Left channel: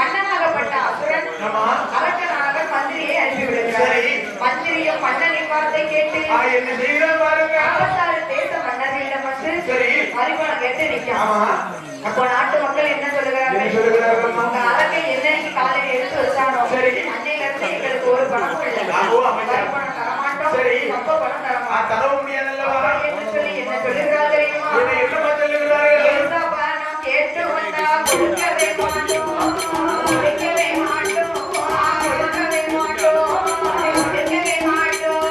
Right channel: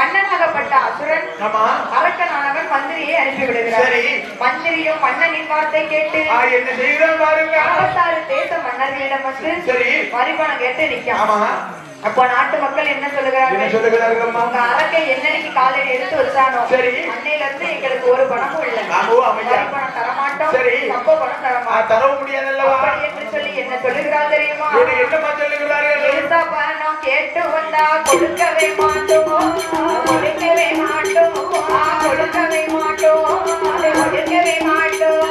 மன்னனாகப்பட்ட அசுரன் அரக்கனானவன் மந்திரியை அனுப்பி விடுகிறார். மந்திரியும் மன்னனின் வார்த்தை கேட்டு என்ன செய்யணும் பாருங்க. 56 தேச மன்னர்களிடம் வந்து வரிபணம் கேட்டு நிற்கும். அப்போ நாட்டு மக்கள் என்ன சொல்லுகிறார்கள்? உங்க அரக்கை என்னைக்கு காலையில் எடுத்து வச்சானோ அன்னையில இருந்து எங்களுக்கு ஒரு பணமும் இல்லை, வரிபணம் தரமாட்டோம், அப்ப பணம் தரமாட்டோம் என்று சொல்லி என்ன சொல்லுகிறார் தெரியுமா? கேட்டு வந்தா கொடுக்கவே மாட்டோம், கொடுக்கவே மாட்டோம், கொடுக்கவே மாட்டோம், கொடுக்கவே மாட்டோம்,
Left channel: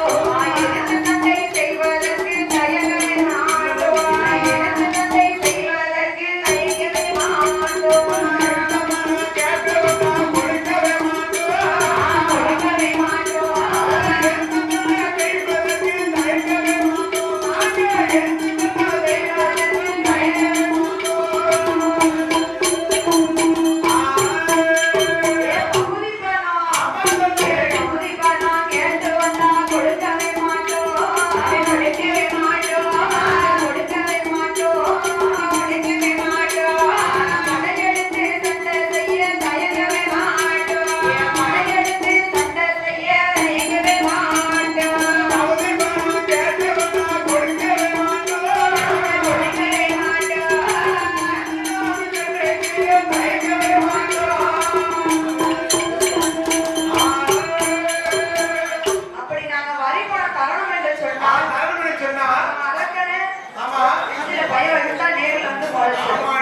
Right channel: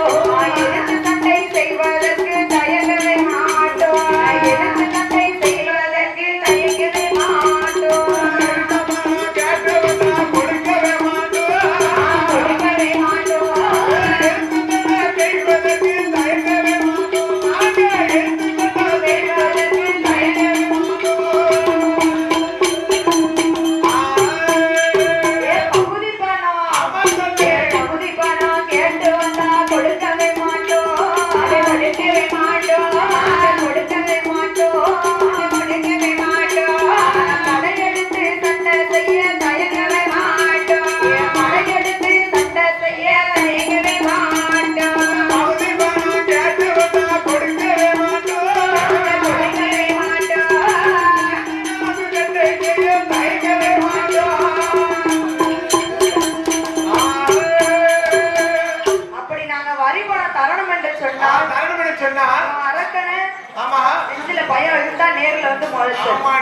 சண்டை செய்வதற்கு தயங்கவே மாட்டோம், சண்டை செய்வதற்கு தயங்கவே மாட்டோம், கேட்டு வந்தா கொடுக்கவே மாட்டோம், கொடுக்கவே மாட்டோம், செய்வதற்கு தயங்கவே மாட்டோம், செய்வதற்கு தயங்கவே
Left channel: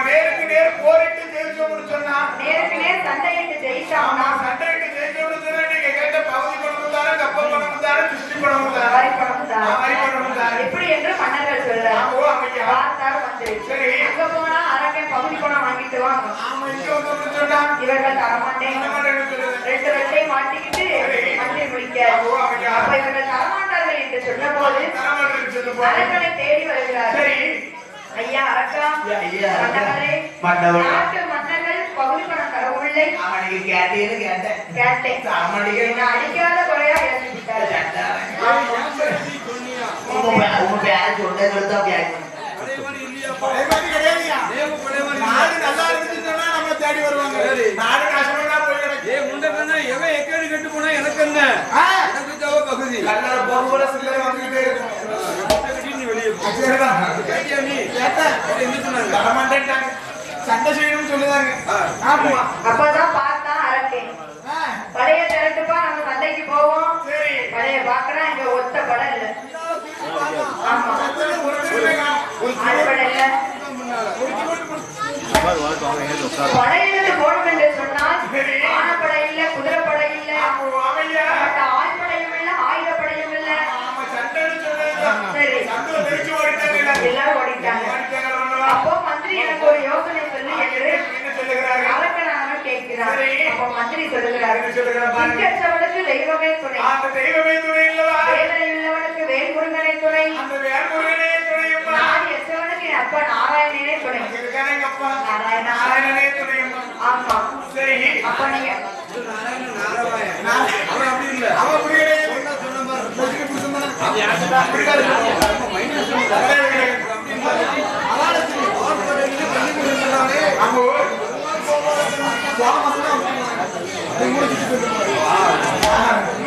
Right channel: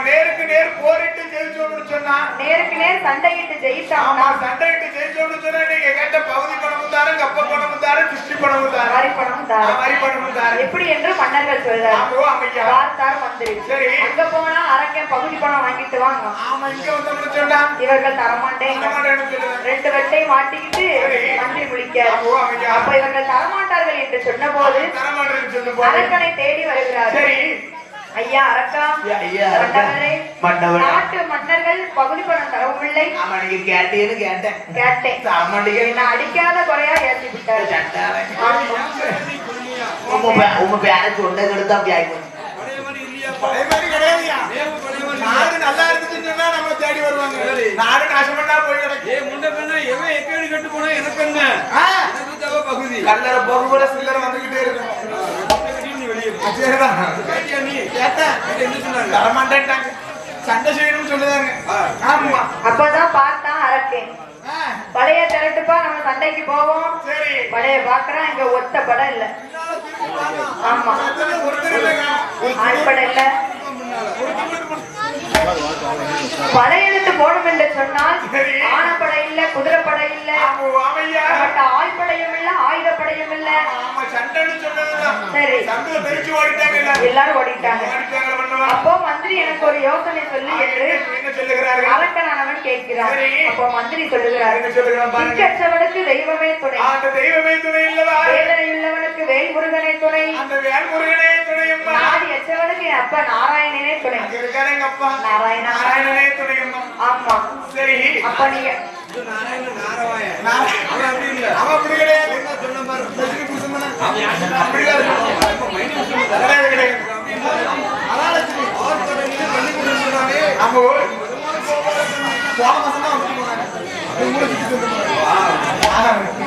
நேருக்கு நேர் போரிட்டு ஜெயிச்சோம்னு சொன்னா, நேருக்கு நேர் சண்டையிட்டு ஜெயிச்சாமா, சண்டையிட்டு ஜெயிச்சோம்னு சொன்னா நீங்க கேட்ட பகுதி பணமும் தாரும், கப்ப பணமும் தாரும், திருஷ்டி பணமும் தாரும், வரி பணமும் தாரும், வரி பணமும் தாரும், எப்படி என்று மன்னர்கள் சொல்றாங்க. பார்த்தாலும் வந்து சரி அங்க போனா அரக்கன் பகுதி பணம் வாங்கிட்டு வாங்க. ஆமா, இங்க வந்து சொன்னா இவர்கள் தரமாட்டேன், 2 வெட்டை மாட்டிக்கிட்டு மந்திரி முடிக்க. அப்ப இவர்கள் தரமாட்டார்கள் என்று சொன்ன போது அரக்கனை தேடி வருகிறார். சரி ஐயா அரக்கா, நாட்டு மன்னர்கள் பகுதி பணம் தரவில்லை. கேட்டேன் அடிக்காத குறையா ஏற்றி விட்டார். நாடு நல்லா இருந்துச்சுன்னா நம்மள தேடி வருவாங்க. நாடு நாசமா போய் கிடக்கு. முண்டை பண்ணா எவன் எக்கேடு கட்டு போனா எனக்கு என்ன, எனக்கு தேவை பகுதி. கல்லற பகுவர சுந்தரம் வந்துகிட்டே இருக்கும். வெளியே கேட்டியா நீ? கேட்டேன். என்ன சொன்னாங்க? தரமாட்டேன்ட்டாங்க, சண்டை செய்யணும்னு சொல்லுதாங்க. அப்பதான் பார்த்தா அரக்கேன் பழைய திரட்டுப்பா, நம்ம சண்டைக்கு போவோம். சரி பழைய பாக்குறேன், இங்க ஒத்த படம் இல்ல, ஆழ்படம் இல்ல. படையெழுத்து போடும் என்று சொன்னால் ஆனப்படை இல்ல, குதிரைப்படை இல்ல, ஆழ்படையும் இல்ல, ஆயுதப்படையும் இல்ல. சரி எல்லாரும் ஓடிட்டாங்க. அப்போ மந்திரி எனக்கு ஒரு யோசனை சொல்லி அரக்கனானவன் கேட்கிறார். அப்போ மந்திரி சொல்லுகிறார், திக்கற்றவனுக்கு தெய்வமே துணை, வேதனை உள்ளவனுக்கு வேல்முருகனை துணை, நாடி எற்றவனுக்கு என் அப்பா நாராயணனே துணை. நாராயணனே துணை. ஆமா சரி. அப்ப நீங்க அப்படி இல்ல, அவ அப்படி கிடையாது. சொன்ன பாரு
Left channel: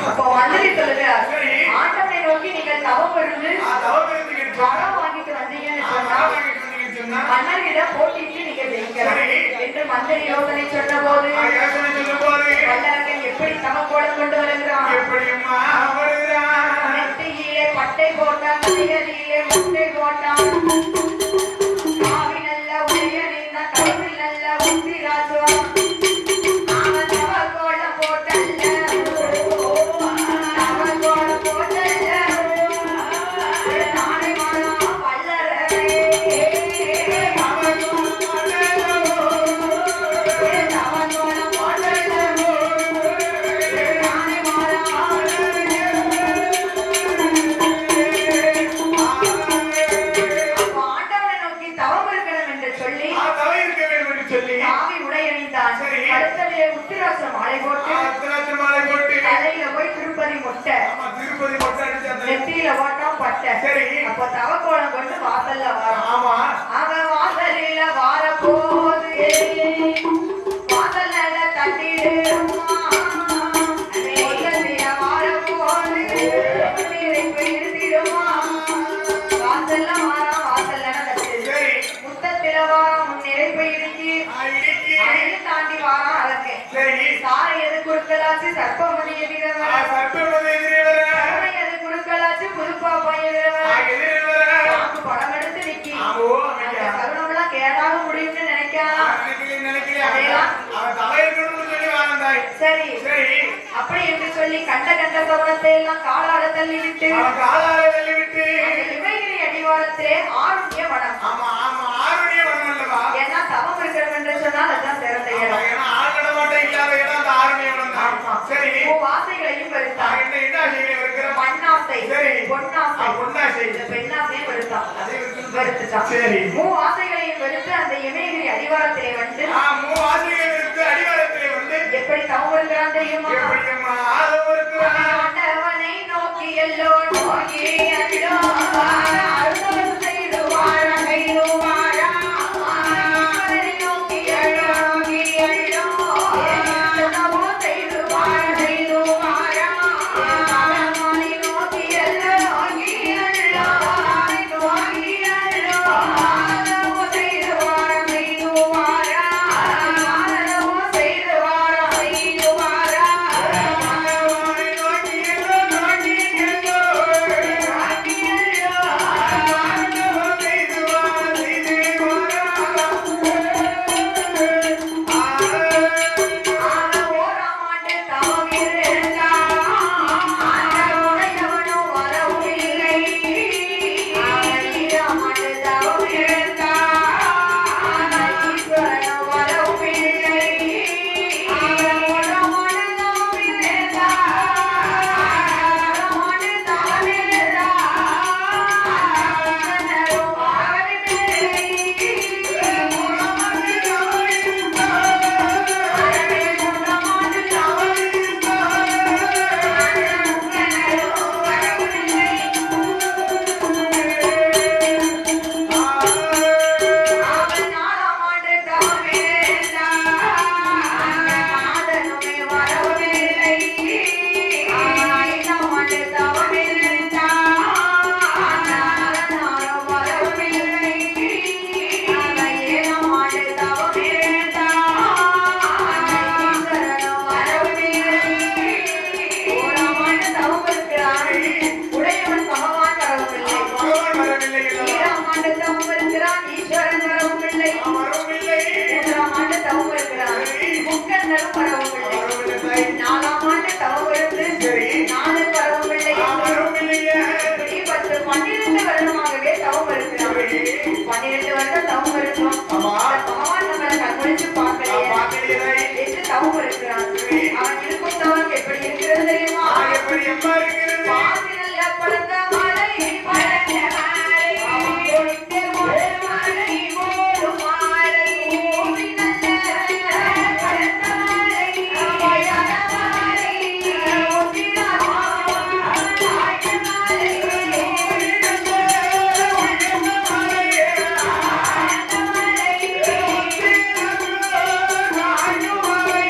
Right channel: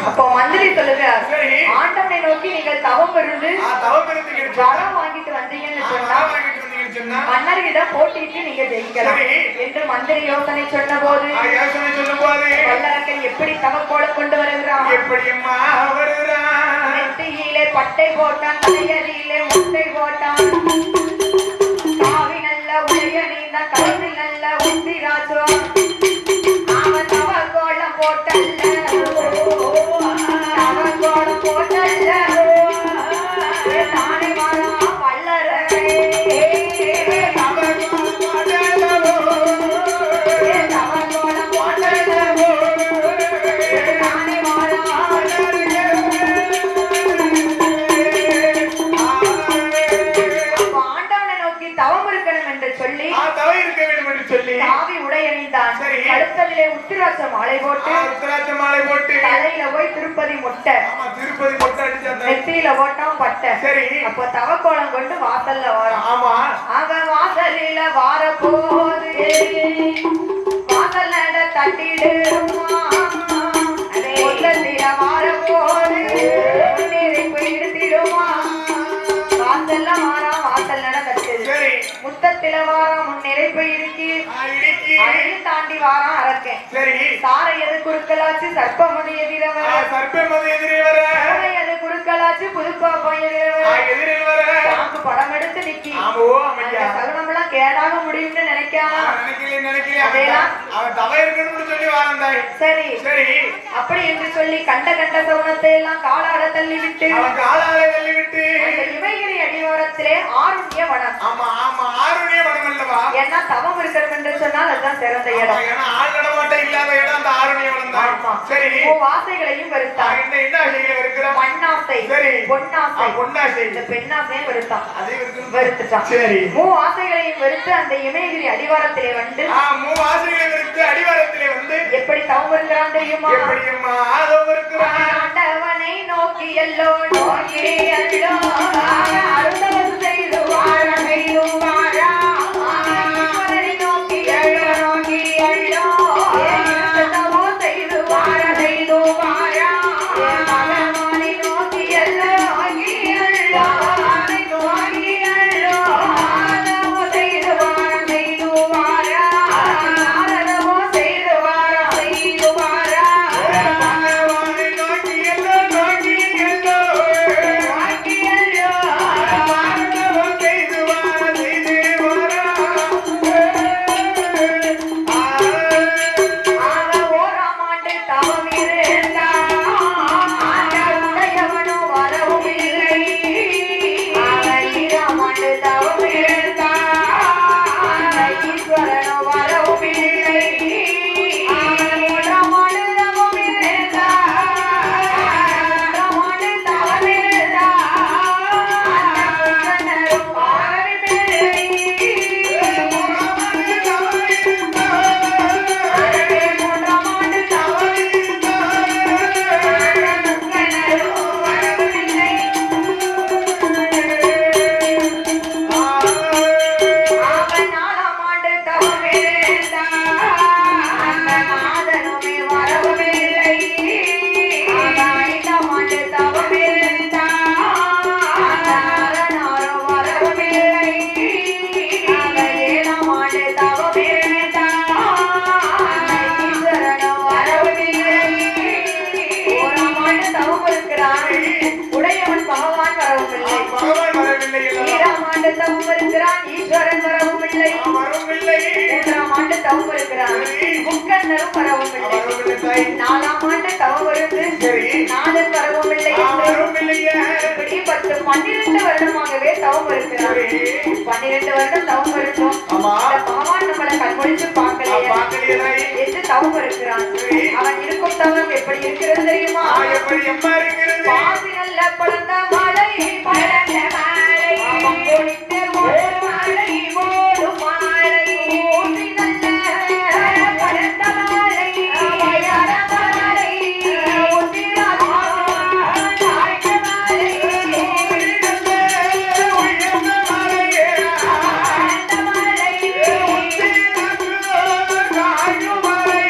அப்போ மந்திரி சொல்லுகிறார், ஆண்டவனை நோக்கி நீங்கள் தவம் இருந்து வரம் வாங்கிட்டு வந்தீங்கன்னு சொன்னா மன்னரிடம் போட்டிட்டு நீங்க ஜெயிக்கலாம் என்று மந்திரி யோசனை சொன்ன போது வல்லரக்கன் எப்படி தமக்கோட கொண்டு வருகிறான்? நெத்தியிலே பட்டை போட்டான், தலையதியிலே முட்டை போட்டான், காவி நல்ல உடைய நீந்த கழுத்து நல்ல உந்தி ராசுவான், அவன் தவ கோலம் போட்டல்ல, தவ கோலம் போட்டல்ல, தானே மாறா வல்லரே கழுத்ததிலே உத்திராட்ச மாலை போட்டு தலையில போய் திருப்பதி மொட்டை நெத்தியில போட்டோம் பட்டை. அப்ப தவக்கோலம் கொண்டு வாசல்ல வாரம். அவன் வாசலில வார போது வாசல் நட தட்டி தாண்டி வாரான் அரக்கன். சரி. சாரை எது குறுக்கலாச்சு சர்ப்பமதி எதிரவர. சர்ப்பமதி எதிரவர. எது குறுக்கலாச்சு புதுப்பாப்பா எதிரவர. பாம்பு படம் எடுத்து நிக்கி. சகுனம்லாம் கேடாக முடியும்னு நினைக்கலாம். சரி சரி. அப்படி என்று சொல்லி கண்ட கண்ட சகுனத்தை எல்லாம் காலாட தள்ளிவிட்டு இமைகிரி அடிவாரத்திலே ஆருண்ய வனம். ஆமா ஆமா ஆருண்ய வனம் அல்லவா? ஏன்னா தவம் இருக்கிறோம் என்று சொன்னால் அதுதான் சிறந்த இடம். ஏன்னா ஆள் நடமாட்டம் இல்லாத இடம் அந்த ஆருண்ய வனம் தான். சரி. ஆசைகளையும் வருத்தான். என்ன ஆசைகளை வருகிற? மண்ணாசை, பொன்னாசை, பொன்னாசை, இந்த பெண்ணாசையும் வருத்தான். வருத்தான். சரி. ஆசைகளையும் வெறுத்து அந்த இமயகிரி அடிவாரத்திலே வந்து ஆசைகளை வெறுத்து அடிவாரத்திலே வந்து எப்படி தவம் இருக்கிறான் தெரியுமா? எப்படியுமா ஆதவம் இருக்கிறான்? ஆண்டவனை நோக்கி எல்லோ நோக்கி எல்லோ அருந்தவம் செய்து வாழ செய்து வாழா நோக்கி எல்லோ நோக்கி எல்லோ அருந்தவம் செய்து வாழ செய்து வாழா மகமானி நோக்கி எல்லோ நோக்கி எல்லோ நோக்கி எல்லோ அருந்தவம் செய்து வாழ செய்து வாழா அருந்தவம் செய்து வாழ செய்து வாழா மகமானி நோக்கி எல்லோ நோக்கி எல்லோ நோக்கி எல்லோ ஆதவம் செய்து வாழ செய்து வாழா ஓராமாண்டு தவம் இருந்தான் ஆண்டவனுடையவனோ வரவும் இல்லை. ஈராமாண்டு தவம் இருந்தான் ஈஸ்வரனோ வரவும் இல்லை. ஓராமாண்டு தவம் இருந்தான் ஓராமாண்டு தவம் இருந்தான் உடையவன் பகவான் வரவில்லை. பகவான் வரவில்லை அல்லவா? ஈராமாண்டு தவம் இருக்கிறான் ஈஸ்வரன் வரவும் இல்லை. வரவில்லை. மூன்றாம் ஆண்டு தவம் இருக்கிறான் முக்கண்ணரும் வரவும் இல்லை. வரவில்லை. நாலாம் ஆண்டு தவம் இருந்து நாதன் வரவும் இல்லை. வரவில்லையே. இப்படி 12 வருடமாகவே தவம் இருக்கிறான். 12 வருடம் தவம் இருக்கும். ஆமா. இந்த பகவான் நம்மளை கண்மொழித்து பார்க்கலையே என்று தவம் இருக்கிறான். அவன் இருக்கும் தவம் எப்படி இருக்கிறது தெரியுமா? எப்படி எம்மா இருக்கிறது? பாம்பினல்ல பழந்த மலை பழந்த மலை அவன் பொழித்த ஒரு மலை ஓடு மலை ஓடினல்ல பழந்த மலை பழந்த மலை ஓடினார் தாய்த்த மலை ஓடினல்ல உயர்ந்த மலை பழந்த மலை தாய்க்கு மலை.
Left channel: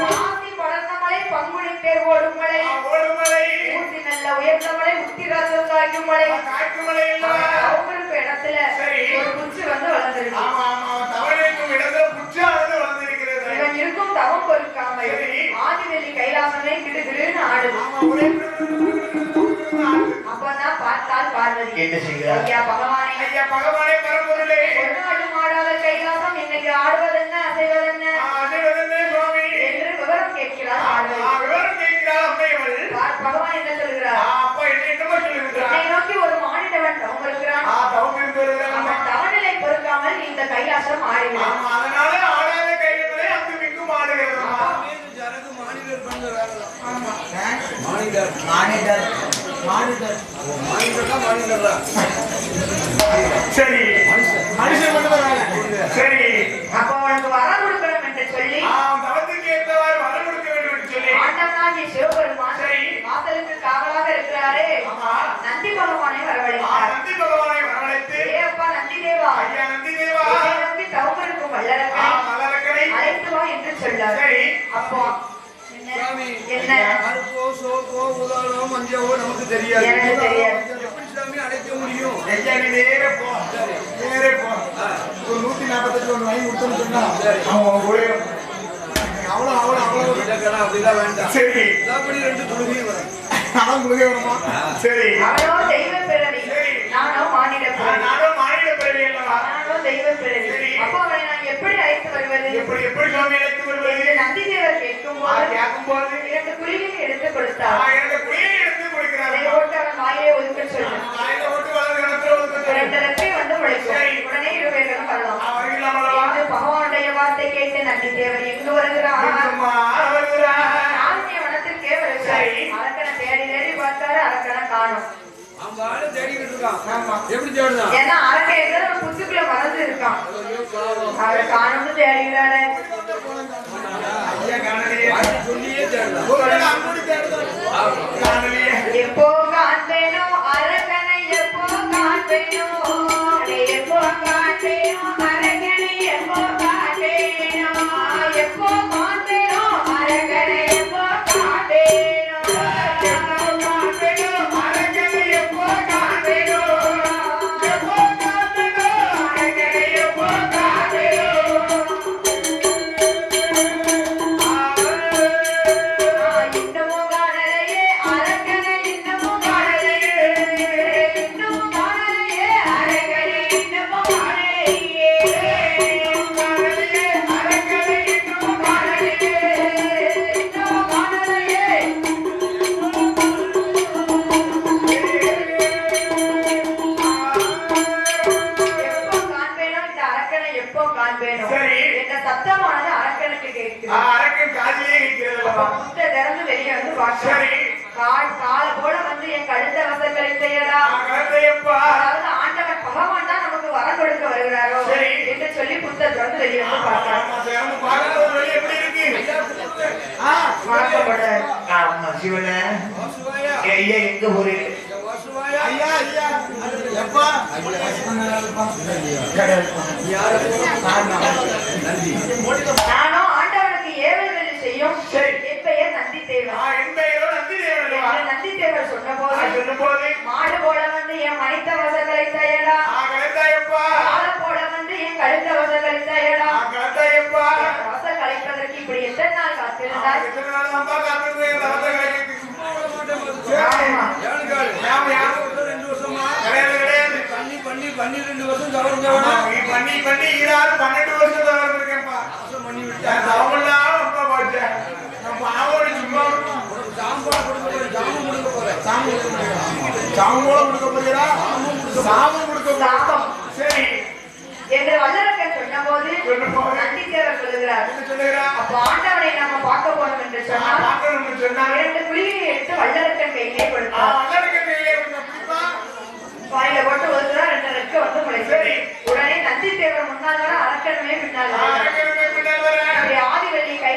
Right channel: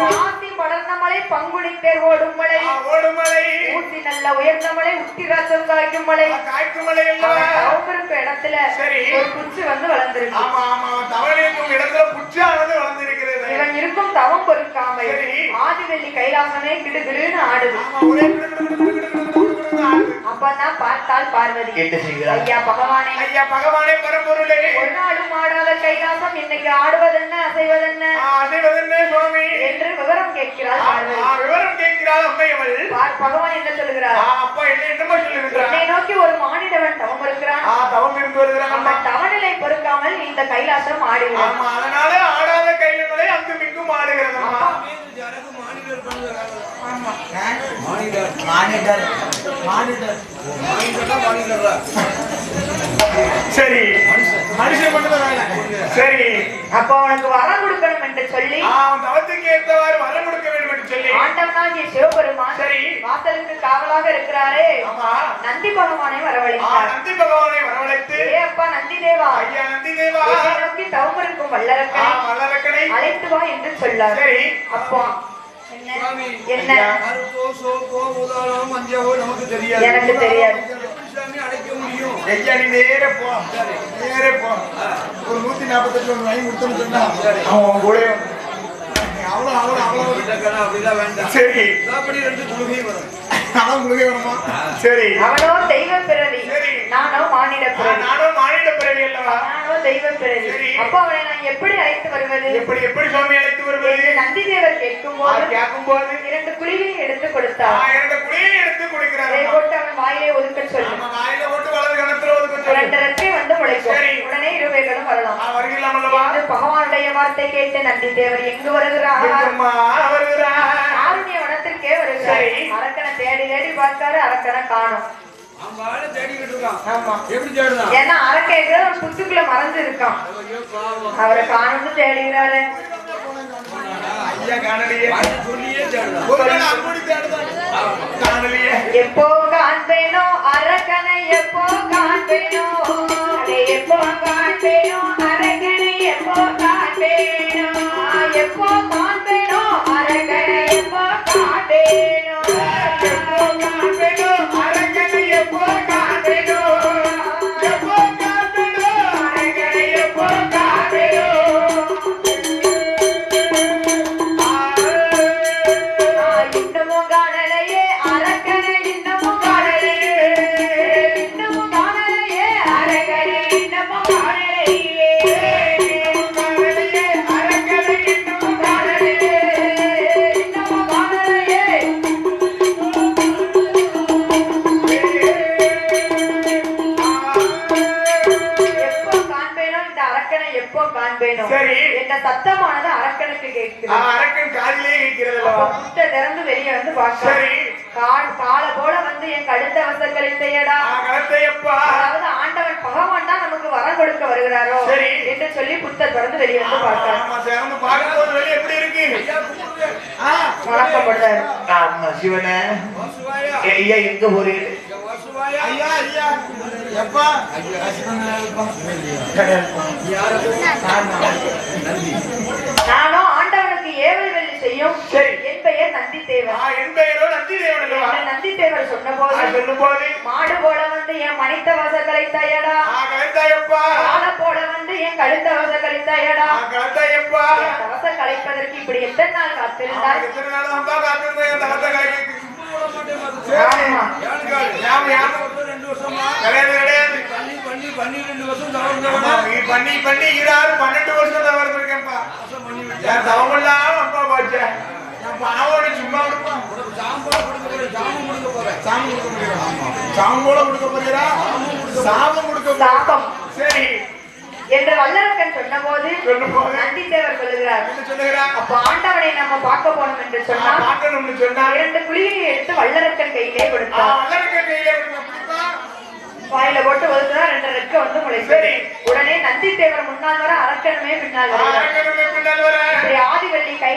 பாந்தி படர்ந்த மலை பங்குனித்தேர் ஓடும் மலை ஓடுமலை. ஊட்டி நல்ல உயர்ந்த மலை உத்திராஜம் காய்க்கும் மலை காய்க்கு மலை அல்லவா? தவமிருக்க இடத்துல சரி. ஒரு குச்சி வந்து வளர்ந்திருக்கு. ஆமா ஆமா தவளைக்கும் இடத்துல புச்சானது வளர்ந்திருக்கிறது. இவன் இருக்கும் தவம் பொறுக்காமல் சரி. ஆதிவெள்ளி கைலாசமே கிடுகிடுன்னு ஆடுது. ஆமா ஒரே அப்பதான் பார்த்தால் பார்வதி கேட்டு செய்கிறார். ஐயா பகவானே ஐயா பகவானே பரம்பொருளே. ஒரு நாளும் ஆடாத கைலாசம் இன்னைக்கு ஆடுவதென்ன அசைவதென்ன அசைவதென்ன சுவாமி என்று விவரம் கேட்கிறாள் பார்வதி. விவரம் கேட்கிறாள் அம்மையவள். பகவான் என்ன சொல்லுகிறார்? அப்பா என்னமா சொல்லிருக்கிறார்? என்னை நோக்கி ஒரு மானிடவன் தவம் இருக்கிறான். தவம் இருந்து வருகிறான். அந்த தவநிலை பொறுக்காமல் இந்த கைலாசம் ஆடுகிறான். ஆமா அதனால ஆடாத கைகளை அங்கு மிங்கும் ஆடுகிறது. சரி மனுஷன் பண்ணுவதால சரி. அப்ப அவனுக்கு வரம் கொடுக்கணும் என்று சொல்லி தவத்துக்கு ஏற்றவாறு வரம் கொடுக்க வேண்டும் என்று சொல்லி ஆண்டவனாகிய சிவபெருமான் சரி. வாசலுக்கு காவலாக இருக்கிறாரே ஆமா நந்தி பகவானை வரவழைத்தார். நந்தி பகவானை வரவழைத்து ஏ அப்பா நந்தி தேவா ஐயா நந்தி தேவா என்னை நோக்கி தவம் இருக்கும் வல்லரக்கனை மலரக்கடை அழைத்து வா என்று சொல்லார். சரி. அப்பா என்ன அறுப்போ சோப்போ உதாரணம் மஞ்சவோ நமக்கு தெரியாது. எனக்கு தெரியாது. எப்படி சாமி அழைக்க முடியும்? ஐயா நீ நேரே போ, நேரே போ. ஒரு 148 ஒன்று வாங்கி கொடுத்தோன்னு சொன்னா அவன் கூட அவ்வளவு இல்லக்கடா, அப்படிலாம் வேண்டாம். சரி அப்படி 2 குழுகையும் வரும். அதான் முழுகே வருமா? சரி அவனோ தெய்வ பிறவி, சரி. நானோ மானிட பிறவி. நானும் மானிட பிறவி அல்லவா? நானோ தெய்வ பிறவி. சரி. அப்போ அவனை நான் எப்படி அழைத்து வருவது? எப்படி சுவாமி அழைத்து வருவது? என்று நந்தி தேவர் கேட்கும்போது கேட்கும்போது 2 குருவியை எடுத்து கொடுத்தார். எனக்கு குடியை எடுத்து அதை கொடுக்கிறார். போட்டு அவன் வாயை ஒதுக்க சொல்லு. வாயில ஓட்டு வலது கணத்துல ஒதுக்க சொல்லு. 2 ரெக்கை வந்து முளைக்கும். சரி. உடனே இருவேகளும் வரலாம். வருகிறான் அல்லவா? என்று பகவானுடைய வார்த்தை கேட்டு நந்தி தேவர் எங்கு வருகிறார்? அம்மா வருகிறான். ஆவணிய வனத்திற்கே வருகிறார். சரி. அரக்கனை தேடி தேடி பார்த்தாரு, அரக்கனை காணோம். அவன் வாழை தேடிக்கிட்டு இருக்கான். ஆமா. எப்படி தேடுதான்? ஏன்னா அரக்கை ஒரு புத்துக்குள்ள மறந்து இருக்கான். ஐயோ, பாவம். அவரை காணும்னு தேடுகிறாரு. ஐயா காணலையே. வாழை சொல்லியே தேடுதான். ஒருவேளை அங்கோடி தேடுதான். காணலையே. எப்போ காண்பேனோ அரக்கனை, எப்போ காண்பேனோ, அதை எப்போ காண்பேனோ அரக்கனை, எப்போ காண்பேனோ, எப்போ காண்பேனோ அரக்கனை, எப்போ காண்பேனோ, எப்போ காண்பேனோ அரக்கனை, எப்போ காண்பேனோ, எப்போ காண்பேனோ அரக்கனை, எப்போ காண்பேனோ. இன்னமும் காணலையே அரக்கனை, இன்னமும் காணலையே, இன்னமும் காணலையே அரக்கனை, இன்னமும் காணலையே, இன்னமும் காணலையே அரக்கனை, இன்னமும் காணலையே, இன்னமும் காணலையே. எப்போ காண்பேனோ இந்த அரக்கனை, எப்போ காண்பேனோ சரி. என்ற சத்தமானது அரக்கனுக்கு கேட்குது. அரக்கன் காதிலே இருக்கிறது அப்ப அல்லவா? முட்டை திறந்து வெளியே வந்து பார்க்கிறான். சரி. காலை போல வந்து என் கழுத்த அவசரங்களை செய்யடா. கருத்தையப்பா. அதாவது ஆண்டவன் பகவான் தான் நமக்கு வரம் கொடுக்க வருகிறாரோ சரி. என்று சொல்லி புத்த திறந்து வெளியே வந்து பார்க்கிறான். ஆமா திறந்து பார்க்கும்போது வெளியே எப்படி இருக்கு? ஐயா, கூப்பிடு. வணக்கம் பண்றாரு. ஆமா சிவனே. வாசுவாயா. ஐயா எங்க போறீங்க? ஐயா, வாசுவாயா. ஐயா ஐயா எப்பா? நந்தி. நானோ ஆண்டவனுக்கு ஏவல் வேலை செய்யும் சரி. என் பெயர் நந்தி தேவன். என் பெயரோ நந்தி தேவன் அல்லவா? என்று நந்தி தேவர் சொன்ன போது சொல்லும் போது மாடு போல வந்து என் மனித வசங்களை செய்யடா, கருத்தையப்பா. காலை போல வந்து என் கழுத்த அவசரங்களை செய்யடா. கருத்தையப்பா. அவசரம் கழிப்பதற்கு இப்படி எத்தனை நாள் காத்திருந்தார்? எத்தனை நாள் வந்தா காத்திருந்தேன் தகத்த கலைக்கு. சும்மா விட மாட்டேன் பாத்து. சரி. ஏழு கால். யாம் யாம். 2 வருஷமா கிடையாது கிடையாது. பண்ணி 12 வருஷம் தவறுதவன நீ பண்ணி பண்ணி 12 வருஷம் தான் வந்திருக்கேன்ப்பா. பண்ணி விட்டு என் தவமெல்லாம் அப்பா பாச்சேன். நான் பாவோட சும்மா விடுப்போம். சாம்பார் கொடுக்க போறேன். சாமம் கொடுக்க போறேன். சாமி கொடுக்க போறீரா? சாமம் போல கொடுக்க போறீரா? சாமம் கொடுக்க போறீரா? சாபம் சரி. என்று வல்லரக்கன் சொன்ன போது சொல்லும் போது நந்தி தேவர் சொல்லுகிறார். என்ன சொல்லுகிறா? அப்ப ஆண்டவனை நாம பார்க்க போனோம் என்று சொன்னா பார்க்கணும்னு சொன்னா 2 குழியை எடுத்து வல்லரக்கன் கையிலே கொடுத்தார். வல்லரக்க கையில பிடிப்பா. வாயில போட்டு ஒதுக்குறா, 2 ரெக்கை வந்து முளைச்சு. சரி. உடனே நந்தி தேவர் முன்னால் வர அரக்கனுமே பின்னால் வர. அரக்கனுமே பின்னால் வர. ஆதிவள்ளி கையில